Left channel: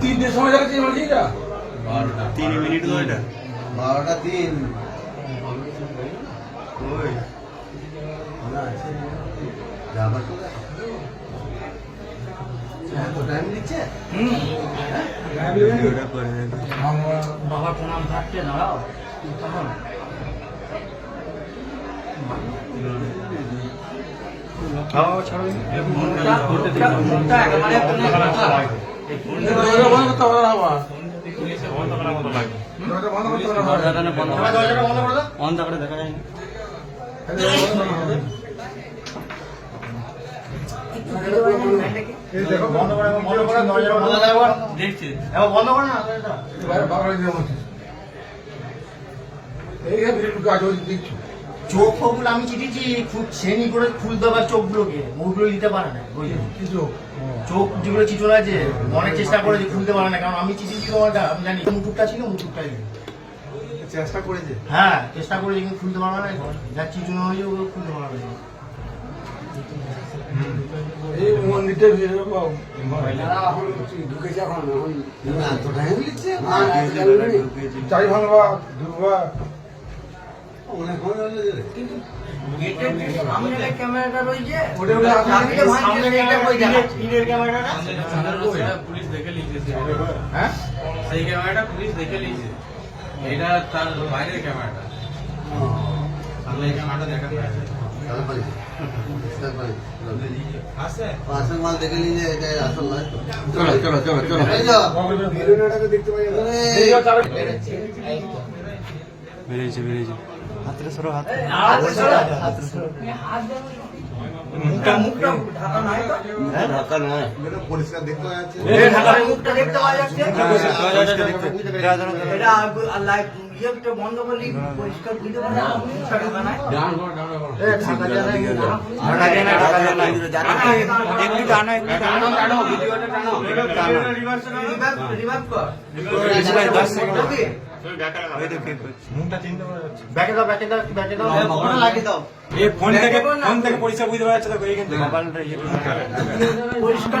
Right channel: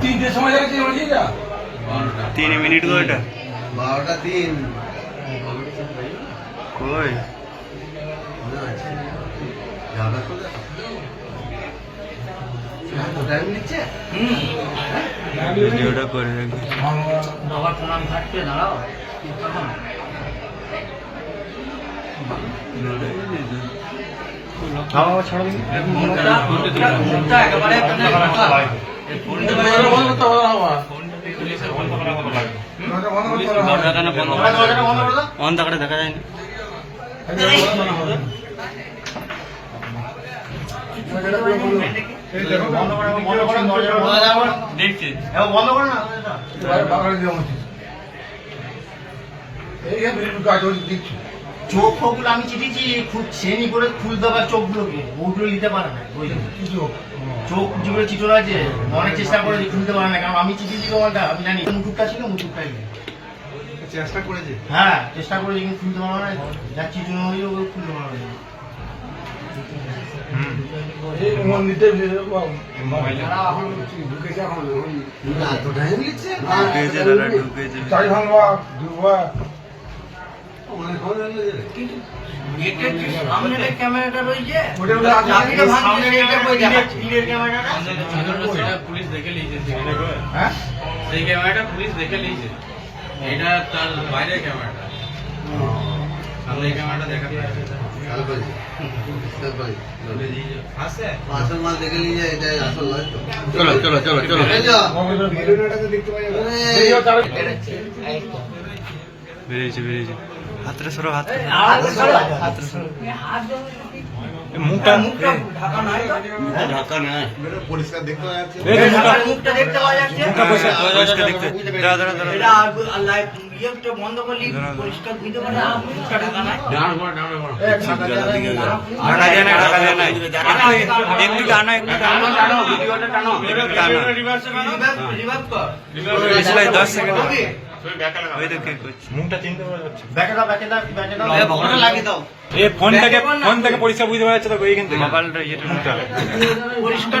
তিনটের সময় যাচ্ছে 3 মিনিট গো এটা 12:03 কই টাইম নিচ্ছে ভিডিওটা করে রাখি বাবা প্রণাম থাকতে দাঁড়াও তখন অন্ধকারে দেখা যায় না দেখছি চোখ ফোকগুলো আমি চিঠিছি খুব শ্রেণী করে খুলতে পারে চোখগুলোকে ওগুলো নিতে পারে না চোখ যেগুলো চিঠল আছে অনেক চেষ্টা করেছি খুলতে পারে না কারণ আমি চিঠিছি তোমারটা আমি জানি মুটুকটা ছিল মুটুকটাই চেষ্টা করেছে হ্যাঁ চেষ্টা করে কিন্তু খুলতে পারবে না যা চিঠি হলেও ওগুলো খুলতে পারবে না ক্যামেরাটা রয়েছে পুলিশ দেখে নিয়েছে সেই ক্যামেরাটা পুলিশ দেখে নিয়েছে এটা তার বাইরের ক্যামেরাটা সামনে ক্যামেরাটা দেখা আসল মাল দেখে নিয়ে যায় এটাই আসল নয় চলো বেরিয়েছে হাতরে সরো হাতরে সরো মুখটা ঢাকা নয় পরিষ্কার দেখতে পাওয়া যাচ্ছে মুখটা দেখতে পাওয়া যাচ্ছে পরিষ্কার দেখতে দাঁড়া এটা আল্লাহ ইয়েটা বন্ধ করলি পরিষ্কার বুঝতে পারে না মুখটা ঢাকা নাই ঢাকা দেয় না একটু টানো ভিডিওটা টানো রিভার্স কর 10 সেকেন্ড ওই তো কে করছে মুখটা চিনতে পারা যাচ্ছে ব্যাকে দাও ফটো লাগিয়ে দাও ফোন থেকে পরিষ্কার বুঝতে পারা যাচ্ছে তো এইখান থেকে মোবাইলটা ইয়েটা পরিষ্কার